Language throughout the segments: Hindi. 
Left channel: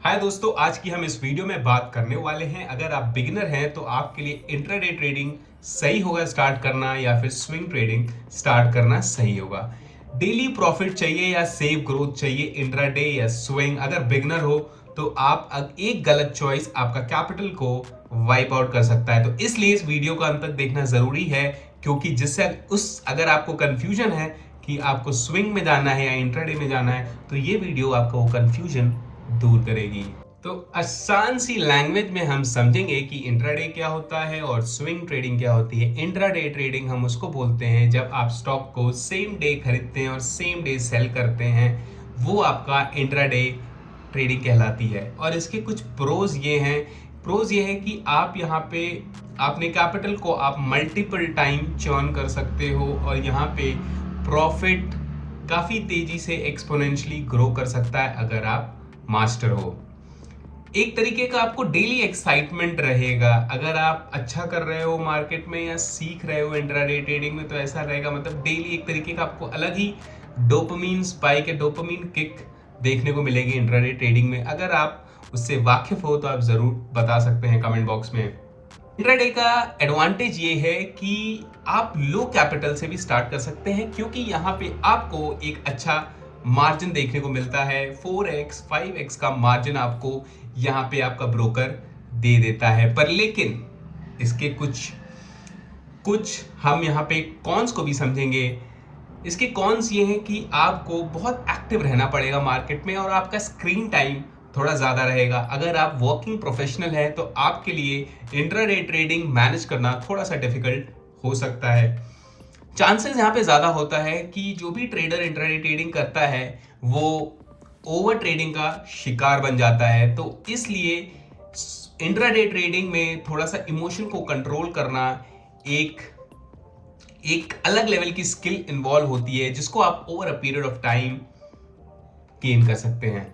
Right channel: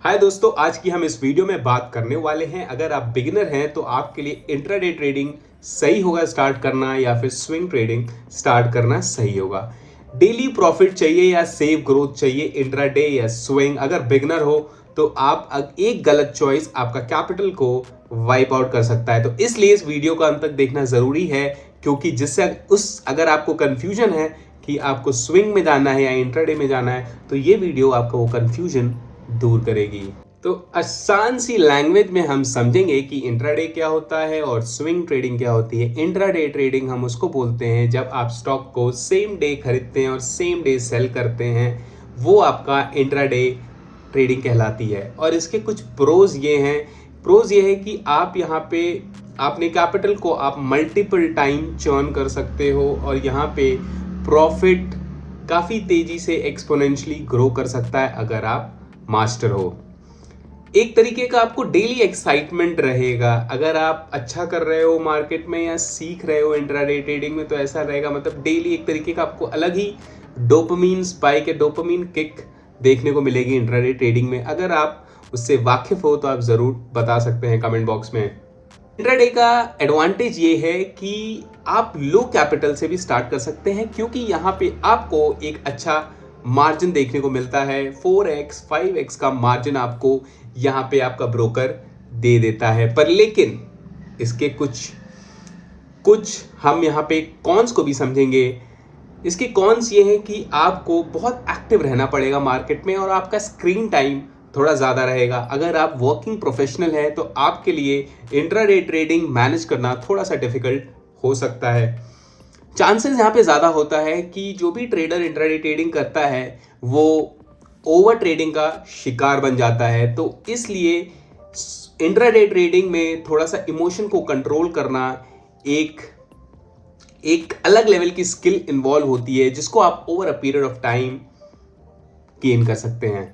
हाय दोस्तों, आज की हम इस वीडियो में बात करने वाले हैं। अगर आप बिगिनर हैं तो आपके लिए इंट्राडे ट्रेडिंग सही होगा स्टार्ट करना या फिर स्विंग ट्रेडिंग स्टार्ट करना सही होगा। डेली प्रॉफिट चाहिए या सेव ग्रोथ चाहिए, इंट्राडे या स्विंग। अगर बिगिनर हो तो आप एक गलत चॉइस आपका कैपिटल को वाइप आउट कर सकता है। तो इसलिए इस वीडियो को अंत तक देखना जरूरी है, क्योंकि जिससे अगर आपको कंफ्यूजन है कि आपको स्विंग में जाना है या इंट्राडे में जाना है, तो ये वीडियो आपका वो कंफ्यूजन दूर करेगी। तो आसान सी लैंग्वेज में हम समझेंगे कि इंट्राडे क्या होता है और स्विंग ट्रेडिंग क्या होती है। इंट्राडे ट्रेडिंग हम उसको बोलते हैं जब आप स्टॉक को सेम डे खरीदते हैं और सेम डे सेल करते हैं, वो आपका इंट्राडे ट्रेडिंग कहलाती है। और इसके कुछ प्रोज ये हैं। प्रोज ये है कि आप यहाँ पे अपने कैपिटल को आप मल्टीपल टाइम चर्न कर सकते हो और यहाँ पे प्रॉफिट काफ़ी तेजी से एक्सपोनेंशियली ग्रो कर सकता है अगर आप मास्टर हो। एक तरीके का आपको डेली एक्साइटमेंट रहेगा। अगर आप अच्छा कर रहे हो मार्केट में या सीख रहे हो इंट्राडे ट्रेडिंग में, तो ऐसा रहेगा, मतलब डेली एक तरीके का आपको अलग ही डोपामीन स्पाइक या डोपामीन किक देखने को मिलेगी इंट्राडे ट्रेडिंग में। अगर आप उससे वाकिफ हो तो आप जरूर बता सकते हैं कमेंट बॉक्स में। इंट्राडे का एडवांटेज ये है कि आप लो कैपिटल से भी स्टार्ट कर सकते हैं, क्योंकि यहाँ पे आपको एक अच्छा मार्जिन देखने को मिलता है। 4x 5x का मार्जिन आपको यहाँ पे आपका ब्रोकर दे देता है। पर लेकिन इसके कुछ कुछ हम यहाँ पे कॉन्स को भी समझेंगे। इसके कॉन्स ये हैं कि आपको बहुत एक्टिव रहना पड़ेगा मार्केट में और आपका स्क्रीन टाइम थोड़ा ज़्यादा रहेगा। अगर आप वर्किंग प्रोफेशनल हैं तो आपके लिए इंट्राडे ट्रेडिंग मैनेज करना थोड़ा सा डिफिकल्ट हो सकता है। चांसेस यहाँ पे ज़्यादा होता है कि जो भी ट्रेडर इंट्राडे ट्रेडिंग करता है वो ओवर ट्रेडिंग का शिकार बन जाता है। तो इसलिए इंट्राडे ट्रेडिंग में थोड़ा सा इमोशन को कंट्रोल करना एक एक अलग लेवल की स्किल इन्वॉल्व होती है, जिसको आप over a period of time gain कर सकते हैं।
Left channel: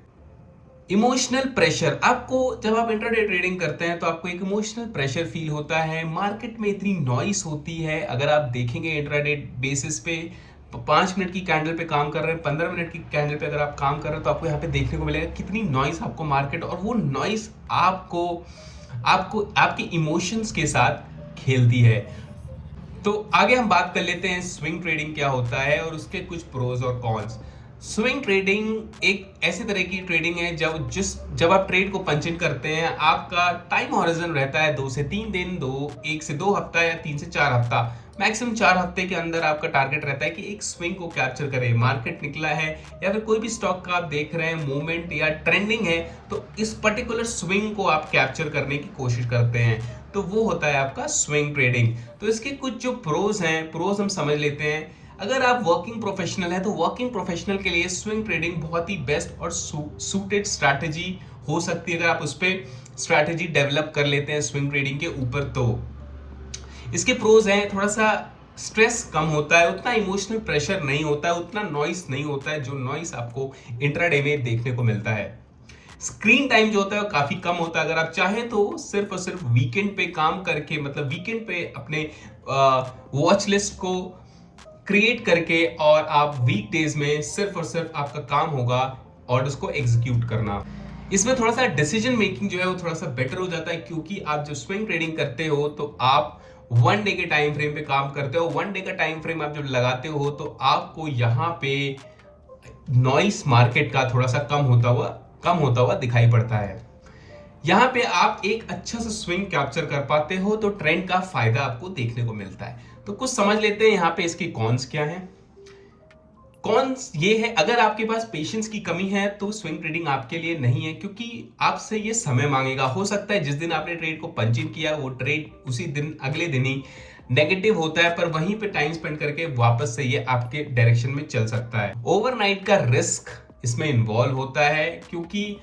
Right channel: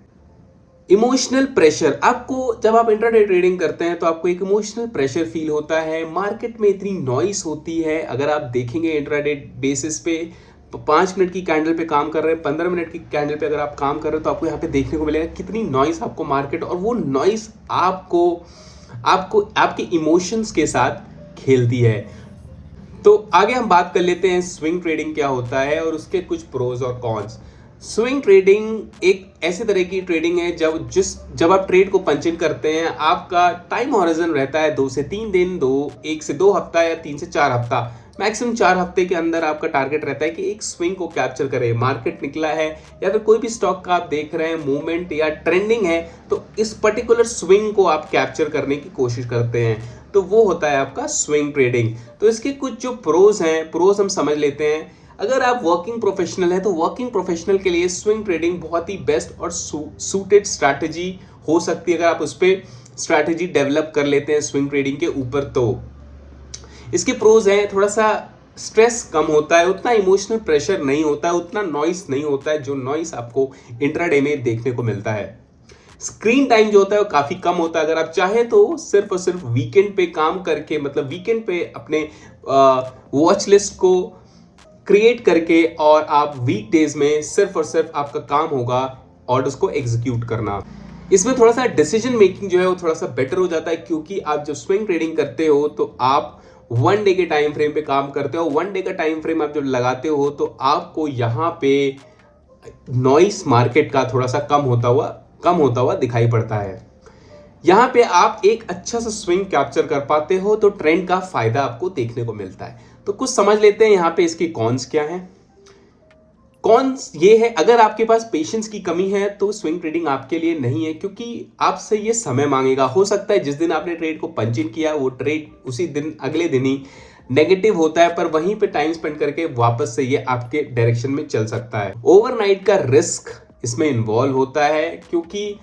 इमोशनल प्रेशर, आपको जब आप इंट्राडे ट्रेडिंग करते हैं तो आपको एक इमोशनल प्रेशर फील होता है। मार्केट में इतनी नॉइस होती है। अगर आप देखेंगे इंट्राडे बेसिस पे 5 मिनट की कैंडल पे काम कर रहे हैं, 15 मिनट की कैंडल पे अगर आप काम कर रहे हो, तो आपको यहाँ पे देखने को मिलेगा कितनी नॉइस आपको मार्केट, और वो नॉइस आपको आपको आपके इमोशंस के साथ खेलती है। तो आगे हम बात कर लेते हैं स्विंग ट्रेडिंग क्या होता है और उसके कुछ प्रोज और कॉन्स। स्विंग ट्रेडिंग एक ऐसे तरह की ट्रेडिंग है जब आप ट्रेड को पंच इन करते हैं, आपका टाइम हॉरिजन रहता है 2 से 3 दिन, 1 से 2 हफ्ता या 3 से 4 हफ्ता। मैक्सिमम 4 हफ्ते के अंदर आपका टारगेट रहता है कि एक स्विंग को कैप्चर करे। मार्केट निकला है या फिर कोई भी स्टॉक का आप देख रहे हैं मूवमेंट या ट्रेंडिंग है, तो इस पर्टिकुलर स्विंग को आप कैप्चर करने की कोशिश करते हैं, तो वो होता है आपका स्विंग ट्रेडिंग। तो इसके कुछ जो प्रोज हैं, प्रोज हम समझ लेते हैं। अगर आप वर्किंग प्रोफेशनल है तो वर्किंग प्रोफेशनल के लिए स्विंग ट्रेडिंग बहुत ही बेस्ट और सूटेड स्ट्रैटेजी हो सकती है, अगर आप उस पर स्ट्रैटेजी डेवलप कर लेते हैं स्विंग ट्रेडिंग के ऊपर। तो इसके प्रोज हैं, थोड़ा सा स्ट्रेस कम होता है, उतना इमोशनल प्रेशर नहीं होता है, उतना नॉइस नहीं होता है जो नॉइस आपको इंट्राडे में देखने को मिलता है। स्क्रीन टाइम जो होता है वो काफी कम होता है। अगर आप चाहे तो सिर्फ और सिर्फ वीकेंड पे काम करके, मतलब वीकेंड पे अपने वॉच लिस्ट को क्रिएट करके, और आप वीक डेज में सिर्फ और सिर्फ आपका काम होगा ऑर्डर्स को एग्जीक्यूट करना। इसमें थोड़ा सा डिसीजन मेकिंग जो है वो थोड़ा सा बेटर हो जाता है, क्योंकि आप जब स्विंग ट्रेडिंग करते हो तो आप 1 डे के टाइम फ्रेम पे काम करते हो। 1 डे का टाइम फ्रेम आप जब लगाते हो तो आपको यहाँ पे नॉइस मार्केट का थोड़ा सा कम होता हुआ दिखाई पड़ता है। यहाँ पे आप एक अच्छा सा स्विंग कैप्चर कर पाते हो, तो ट्रेंड का फायदा आपको देखने को मिलता है। तो कुछ समझ लेते हैं यहाँ पे इसके कॉन्स क्या हैं। कॉन्स ये है, अगर आपके पास पेशेंस की कमी है तो स्विंग ट्रेडिंग आपके लिए नहीं है, क्योंकि आपसे ये समय मांगेगा। हो सकता है जिस दिन आपने ट्रेड को पंच इन किया वो ट्रेड उसी दिन अगले दिन ही नेगेटिव होता है, पर वहीं पे टाइम स्पेंड करके वापस से ये आपके डायरेक्शन में चल सकता है। ओवरनाइट का रिस्क इसमें इन्वॉल्व होता है, क्योंकि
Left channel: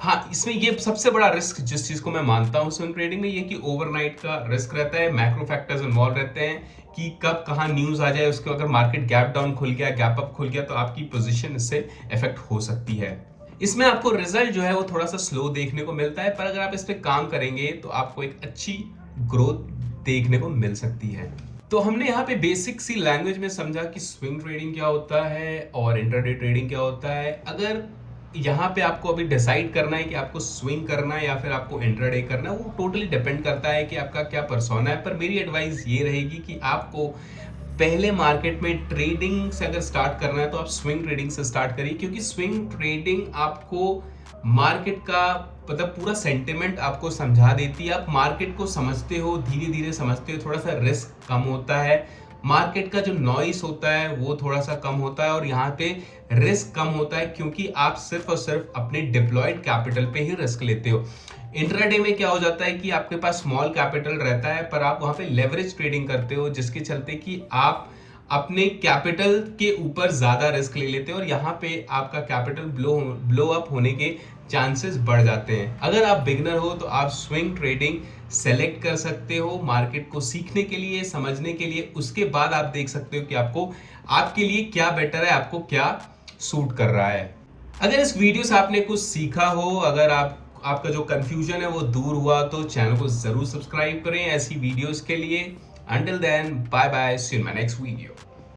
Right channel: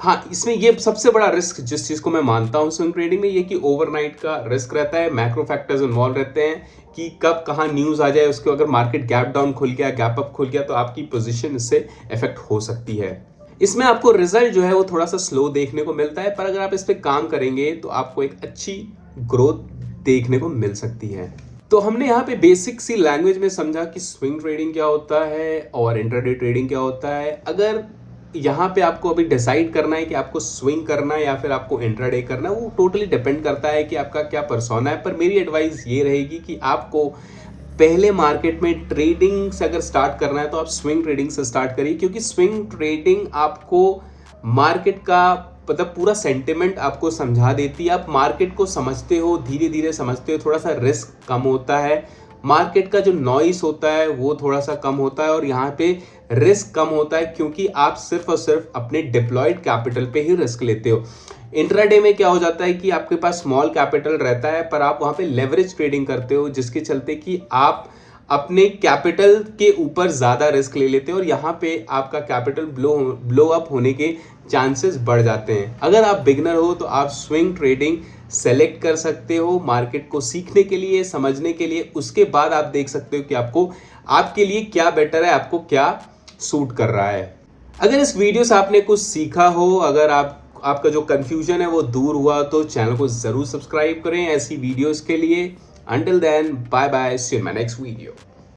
हाँ, इसमें ये सबसे बड़ा रिस्क जिस चीज को मैं मानता हूं स्विंग ट्रेडिंग में, ये कि ओवरनाइट का रिस्क रहता है। मैक्रो फैक्टर्स इन्वॉल्व रहते हैं कि कब कहाँ न्यूज आ जाए, उसके अगर मार्केट गैप डाउन खुल गया, गैप अप खुल गया, तो आपकी पोजीशन इससे इफेक्ट हो सकती है। इसमें आपको रिजल्ट जो है वो थोड़ा सा स्लो देखने को मिलता है, पर अगर आप इस पे काम करेंगे तो आपको एक अच्छी ग्रोथ देखने को मिल सकती है। तो हमने यहाँ पे बेसिक सी लैंग्वेज में समझा कि स्विंग ट्रेडिंग क्या होता है और इंट्राडे ट्रेडिंग क्या होता है। अगर यहाँ पे आपको अभी डिसाइड करना है कि आपको स्विंग करना है या फिर आपको इंट्राडे करना है, वो टोटली डिपेंड करता है कि आपका क्या पर्सोना है। पर मेरी एडवाइस ये रहेगी कि आपको पहले मार्केट में ट्रेडिंग से अगर स्टार्ट करना है तो आप स्विंग ट्रेडिंग से स्टार्ट करिए, क्योंकि स्विंग ट्रेडिंग आपको मार्केट का मतलब पूरा सेंटिमेंट आपको समझा देती है। आप मार्केट को समझते हो, धीरे धीरे समझते हो, थोड़ा सा रिस्क कम होता है, मार्केट का जो नॉइस होता है वो थोड़ा सा कम होता है और यहाँ पे रिस्क कम होता है, क्योंकि आप सिर्फ और सिर्फ अपने डिप्लॉयड कैपिटल पे ही रिस्क लेते हो। इंट्राडे में क्या हो जाता है कि आपके पास स्मॉल कैपिटल रहता है पर आप वहां पे लेवरेज ट्रेडिंग करते हो, जिसके चलते कि आप अपने कैपिटल के ऊपर ज्यादा रिस्क ले लेते हो और यहाँ पे आपका कैपिटल ब्लो अप होने के चांसेस बढ़ जाते हैं। अगर आप बिगनर हो तो आप स्विंग ट्रेडिंग सेलेक्ट कर सकते हो मार्केट को सीखने के लिए, समझने के लिए। उसके बाद आप देख सकते हो कि आपको आपके लिए क्या बेटर है, आपको क्या सूट कर रहा है। अगर इस वीडियो से आपने कुछ सीखा हो, अगर आपका जो कंफ्यूजन है वो दूर हुआ, तो चैनल को जरूर सब्सक्राइब करें ऐसी वीडियोस के लिए। Until then, bye bye, see you in my next video.